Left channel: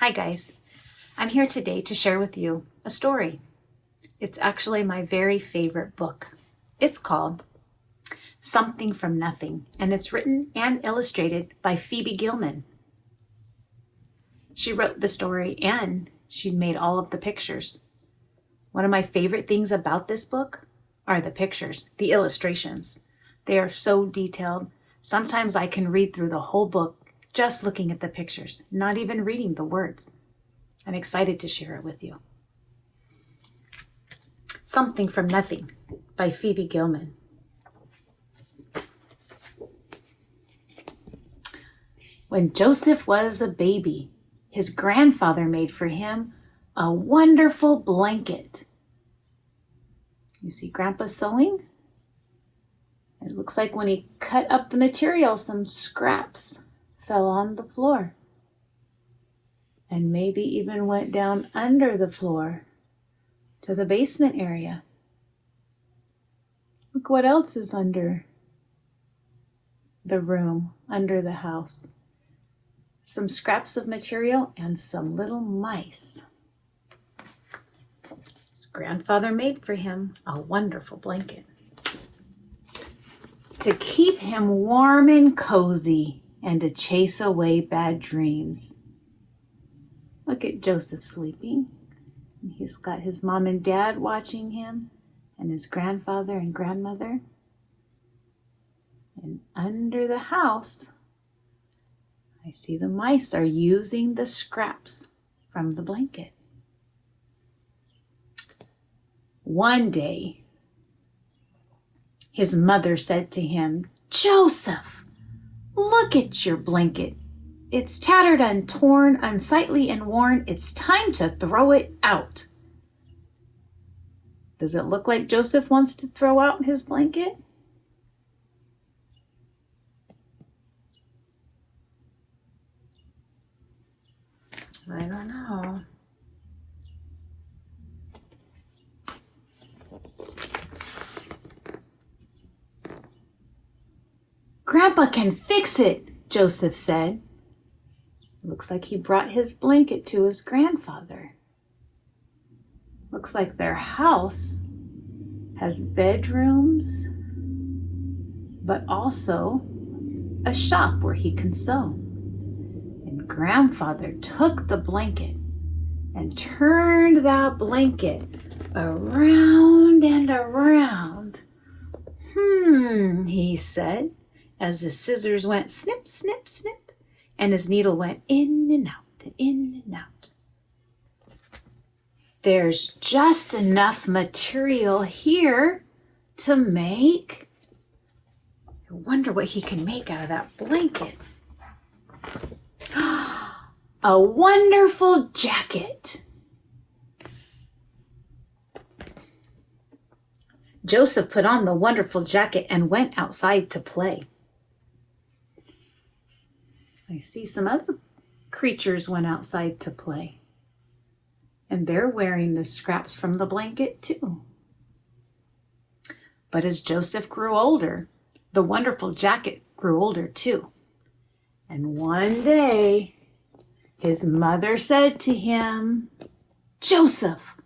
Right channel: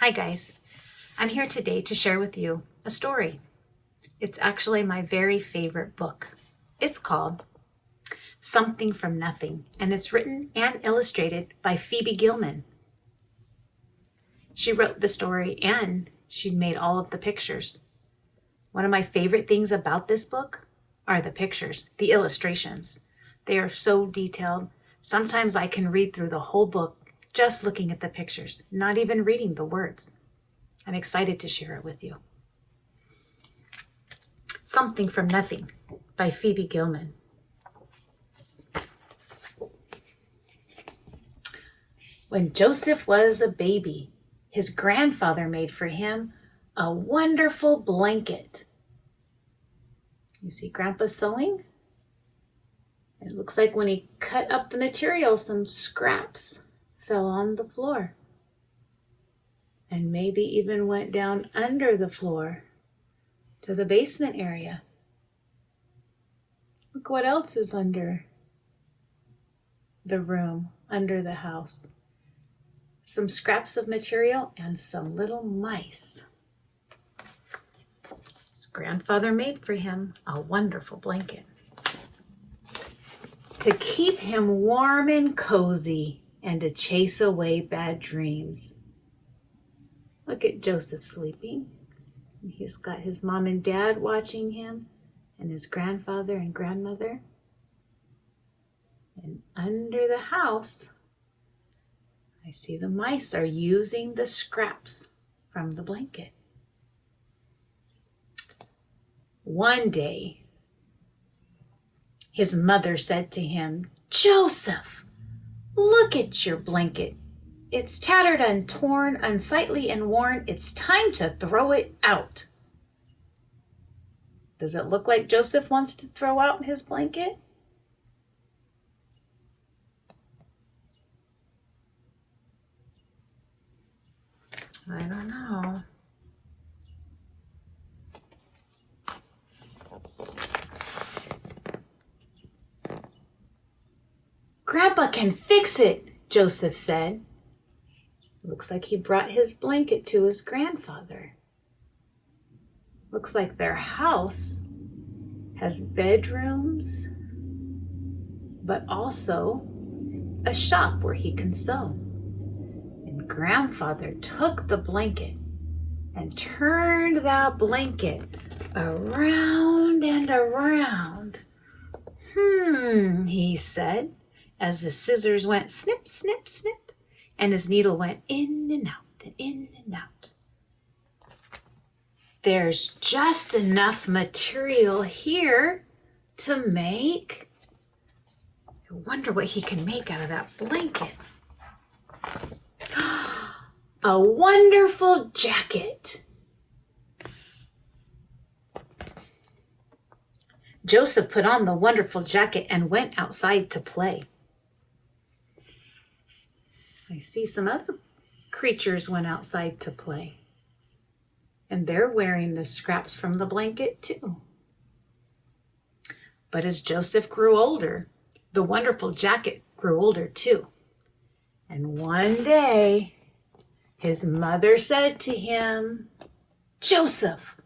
Hi guys, I'm here today to share with you a story. It's actually my very favorite book. It's called Something from Nothing, and it's written and illustrated by Phoebe Gilman. She wrote the story and she made all of the pictures. One of my favorite things about this book are the pictures, the illustrations. They are so detailed. Sometimes I can read through the whole book just looking at the pictures, not even reading the words. I'm excited to share it with you. Something from Nothing by Phoebe Gilman. When Joseph was a baby, his grandfather made for him a wonderful blanket. You see Grandpa sewing? It looks like when he cut up the material, some scraps fell on the floor and maybe even went down under the floor to the basement area. Look what else is under the room, under the house. Some scraps of material and some little mice. His grandfather made for him a wonderful blanket to keep him warm and cozy and to chase away bad dreams. Look at Joseph sleeping. He's got his mom and dad watching him and his grandfather and grandmother. And under the house, I see the mice are using the scraps from the blanket. One day, his mother said to him, "Joseph, look at your blanket. It's tattered and torn, unsightly and worn. It's time to throw it out." Does it look like Joseph wants to throw out his blanket? I don't know. "Grandpa can fix it," Joseph said. Looks like he brought his blanket to his grandfather. Looks like their house has bedrooms, but also a shop where he can sew. And grandfather took the blanket and turned that blanket around and around. He said, as the scissors went snip, snip, snip, and his needle went in and out and in and out. There's just enough material here to make. I wonder what he can make out of that blanket. A wonderful jacket. Joseph put on the wonderful jacket and went outside to play. I see some other creatures went outside to play. And they're wearing the scraps from the blanket too. But as Joseph grew older, the wonderful jacket grew older too. And one day, his mother said to him, "Joseph,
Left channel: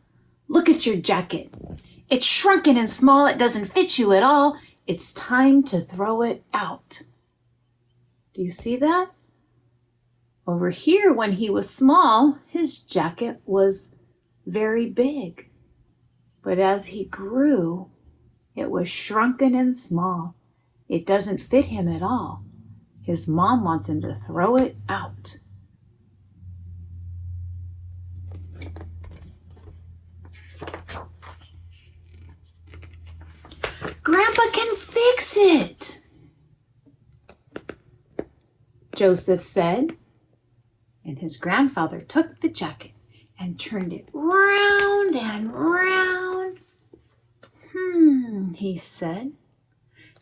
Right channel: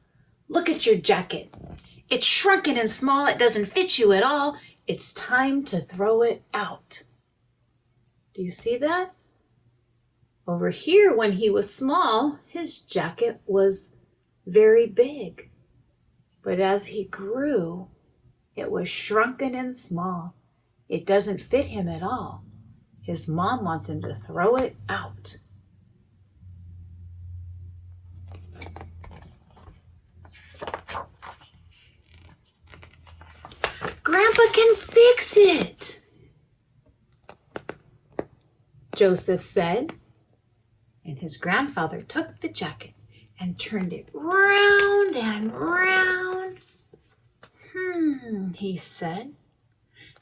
look at your jacket. It's shrunken and small. It doesn't fit you at all. It's time to throw it out." Do you see that? Over here, when he was small, his jacket was very big. But as he grew, it was shrunken and small. It doesn't fit him at all. His mom wants him to throw it out. "Grandpa can fix it," Joseph said. And his grandfather took the jacket and turned it round and round. He said,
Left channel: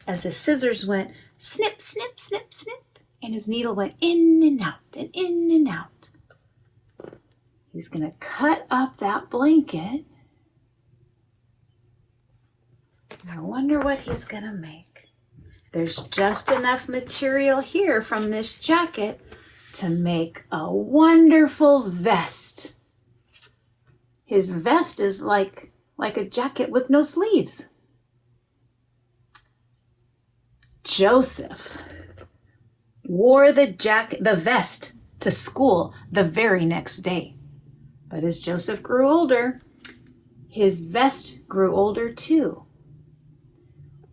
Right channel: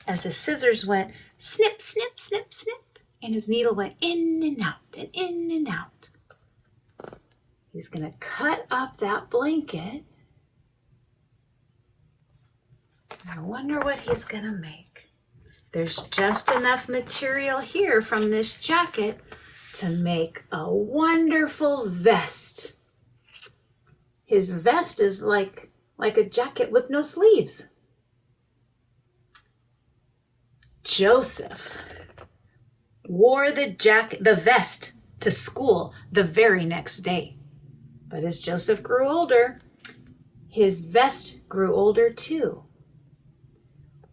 as the scissors went snip, snip, snip, snip, and his needle went in and out and in and out. He's going to cut up that blanket. I wonder what he's going to make. There's just enough material here from this jacket to make a wonderful vest. His vest is like a jacket with no sleeves. Joseph wore the vest to school the very next day. But as Joseph grew older, his vest grew older too.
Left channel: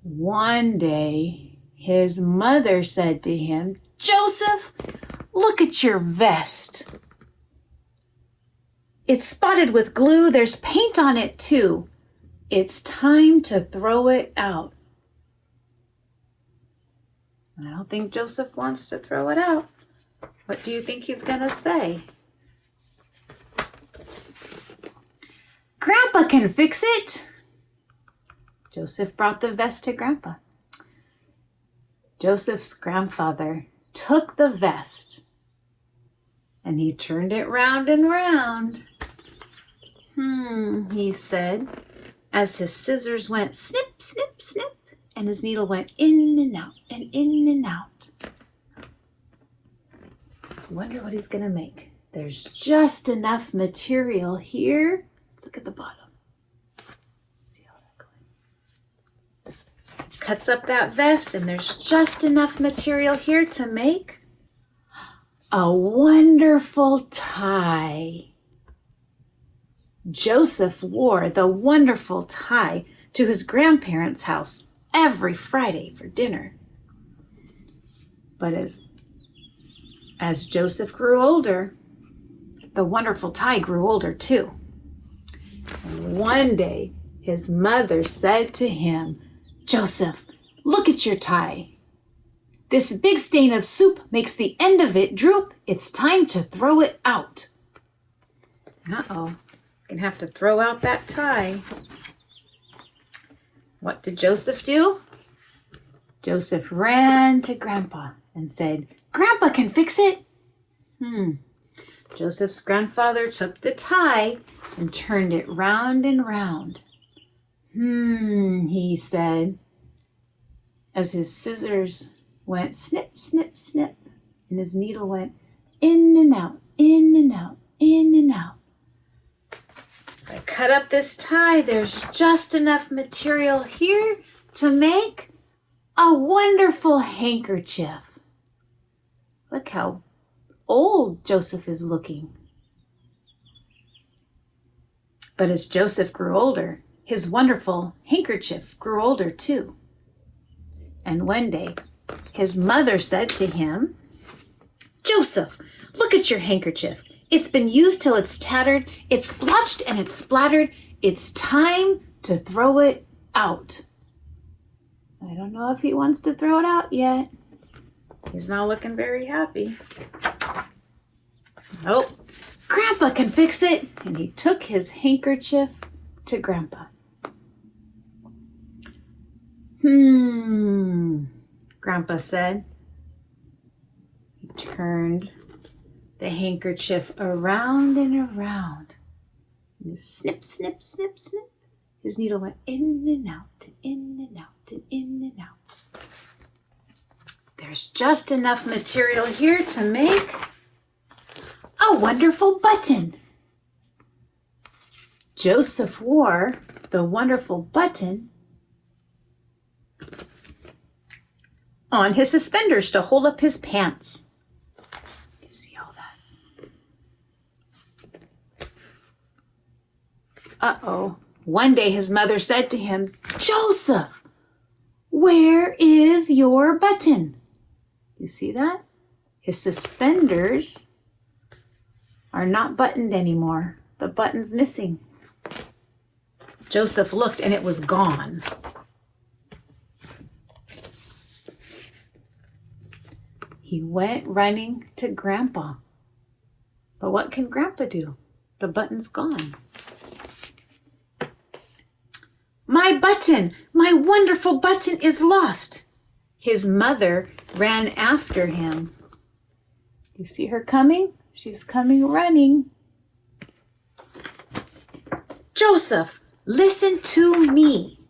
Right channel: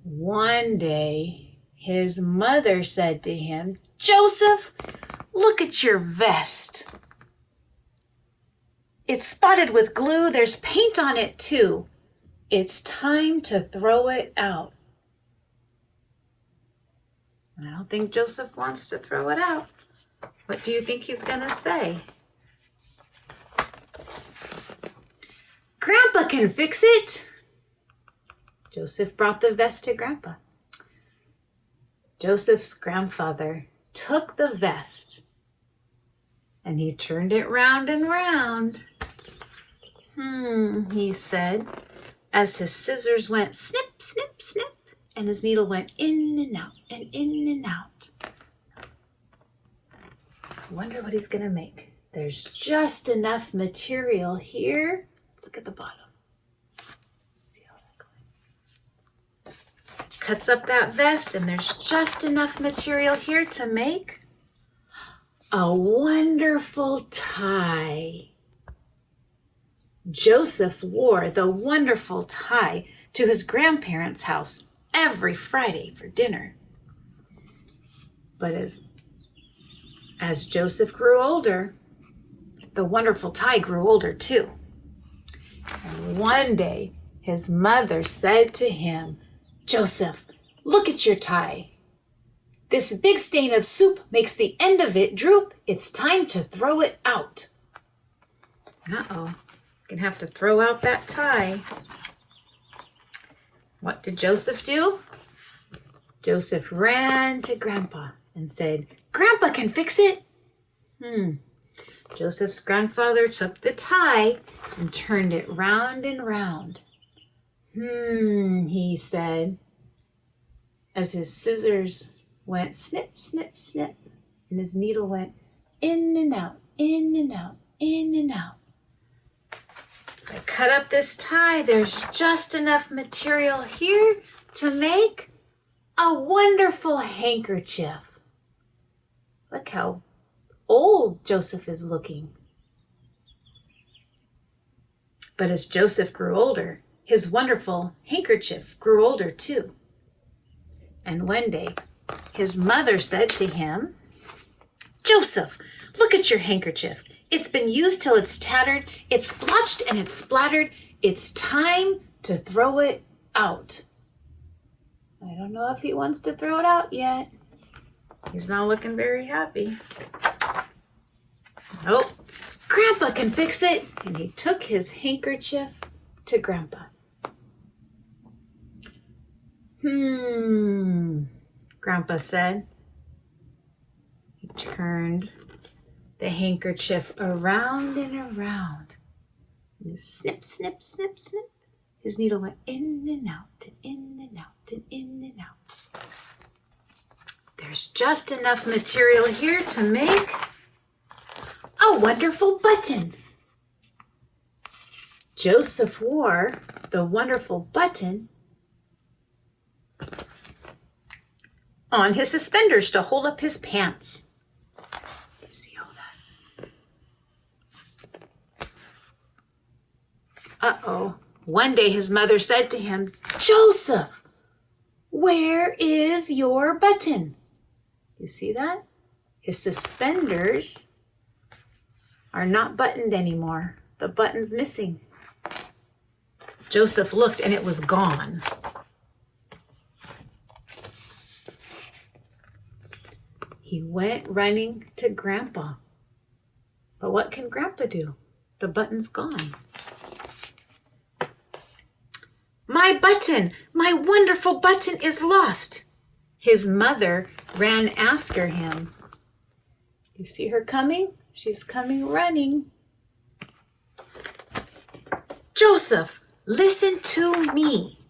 One day, his mother said to him, "Joseph, look at your vest. It's spotted with glue. There's paint on it too. It's time to throw it out." I don't think Joseph wants to throw it out. What do you think he's going to say? "Grandpa can fix it." Joseph brought the vest to Grandpa. Joseph's grandfather took the vest and he turned it round and round. He said, as his scissors went snip, snip, snip, and his needle went in and out and in and out. I wonder what he's going to make. There's just enough material here. Let's look at the bottom. See how that goes. Cuts up that vest, and there's just enough material here to make a wonderful tie. Joseph wore the wonderful tie to his grandparents' house every Friday for dinner. But as Joseph grew older, the wonderful tie grew older too. And one day, his mother said to him, "Joseph, look at your tie. This big stain of soup makes the end of it droop. It's time to throw it out." Uh-oh. Gonna have to throw out that tie. What did Joseph do? Joseph ran to Grandpa and said, "Grandpa can fix it." Joseph's grandfather took the tie and turned it round and round. He said, as his scissors went snip, snip, snip, and his needle went in and out, in and out, in and out. I cut up this tie. There's just enough material here to make a wonderful handkerchief. Look how old Joseph is looking. But as Joseph grew older, his wonderful handkerchief grew older too. And one day, his mother said to him, "Joseph, look at your handkerchief. It's been used till it's tattered, it's splotched and it's splattered. It's time to throw it out." I don't know if he wants to throw it out yet. He's not looking very happy. Nope. "Grandpa can fix it." And he took his handkerchief to Grandpa. Grandpa said. He turned the handkerchief around and around. And snip, snip, snip, snip. His needle went in and out, and in and out, and in and out. There's just enough material here to make a wonderful button. Joseph wore the wonderful button on his suspenders to hold up his pants. See all that? Uh-oh. One day his mother said to him, "Joseph, where is your button?" You see that? His suspenders are not buttoned anymore. The button's missing. Joseph looked and it was gone. He went running to Grandpa. But what can Grandpa do? The button's gone. "My button! My wonderful button is lost!" His mother ran after him. You see her coming? She's coming running. "Joseph, listen to me.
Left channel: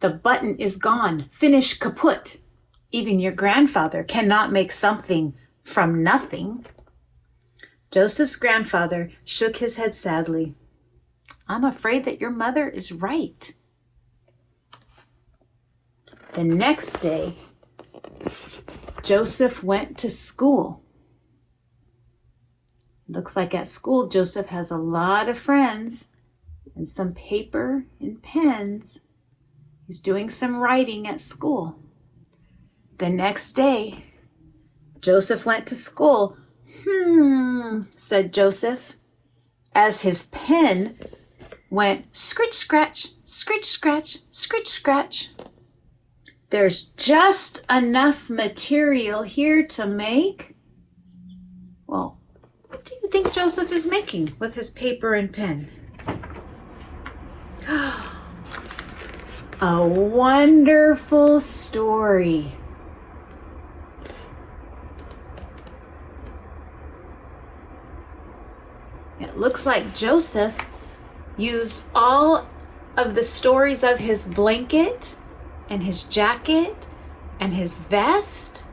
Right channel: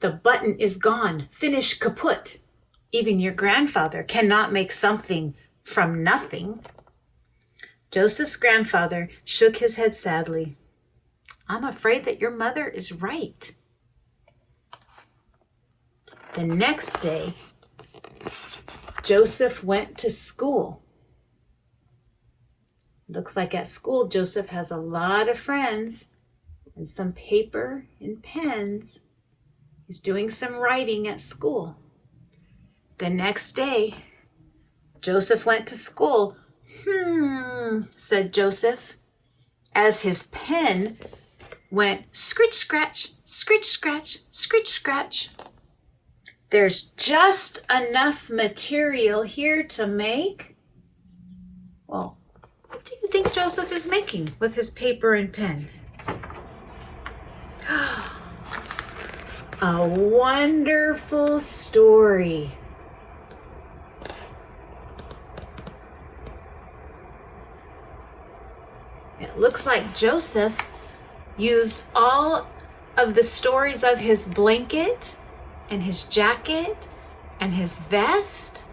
The button is gone. Finish kaput. Even your grandfather cannot make something from nothing. Joseph's grandfather shook his head sadly. I'm afraid that your mother is right. The next day, Joseph went to school. Looks like at school, Joseph has a lot of friends and some paper and pens. He's doing some writing at school. The next day, Joseph went to school. Said Joseph, as his pen went scritch, scratch, scritch, scratch, scritch, scratch. There's just enough material here to make. Well, what do you think Joseph is making with his paper and pen? A wonderful story. It looks like Joseph used all of the stories of his blanket and his jacket and his vest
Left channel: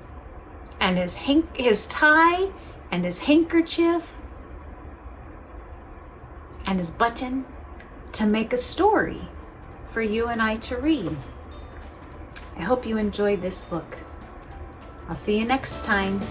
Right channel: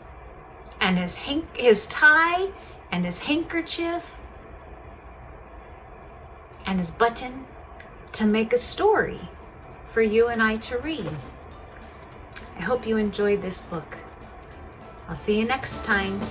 and his tie and his handkerchief and his button to make a story for you and I to read. I hope you enjoyed this book. I'll see you next time.